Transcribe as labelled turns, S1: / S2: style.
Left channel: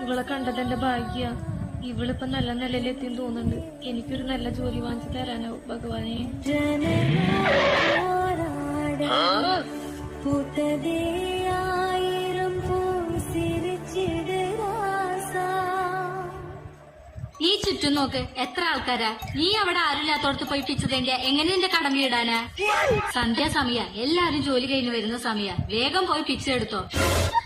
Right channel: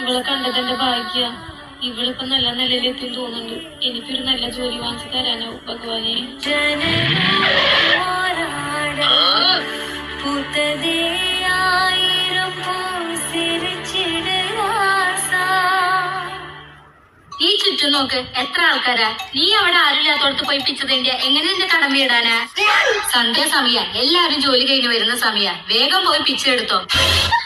S1: ഇവളെ കണ്ടതിന്റെ ഭാഗ്യ ഇവളിപ്പോ നല്ല നിലയിലെത്തി തോന്നുന്നുണ്ട് എനിക്കൊരു നല്ല ജോലി വാങ്ങിച്ചു തരാനോ ഭഗവാനെ
S2: നീ ചുറ്റും നോക്ക് എത്ര ആൾക്കാരാ നീ അവിടെ ആരില്ലാത്തവർക്ക് പഠിപ്പിച്ചതിന്റെ എങ്ങനെ എന്റെ കടമയിടാനാ സന്ധ്യ സമയ എല്ലാരും ജോലി കഴിഞ്ഞു വരുന്ന സമയ വേഗം പോയി പിച്ചെടുത്തോ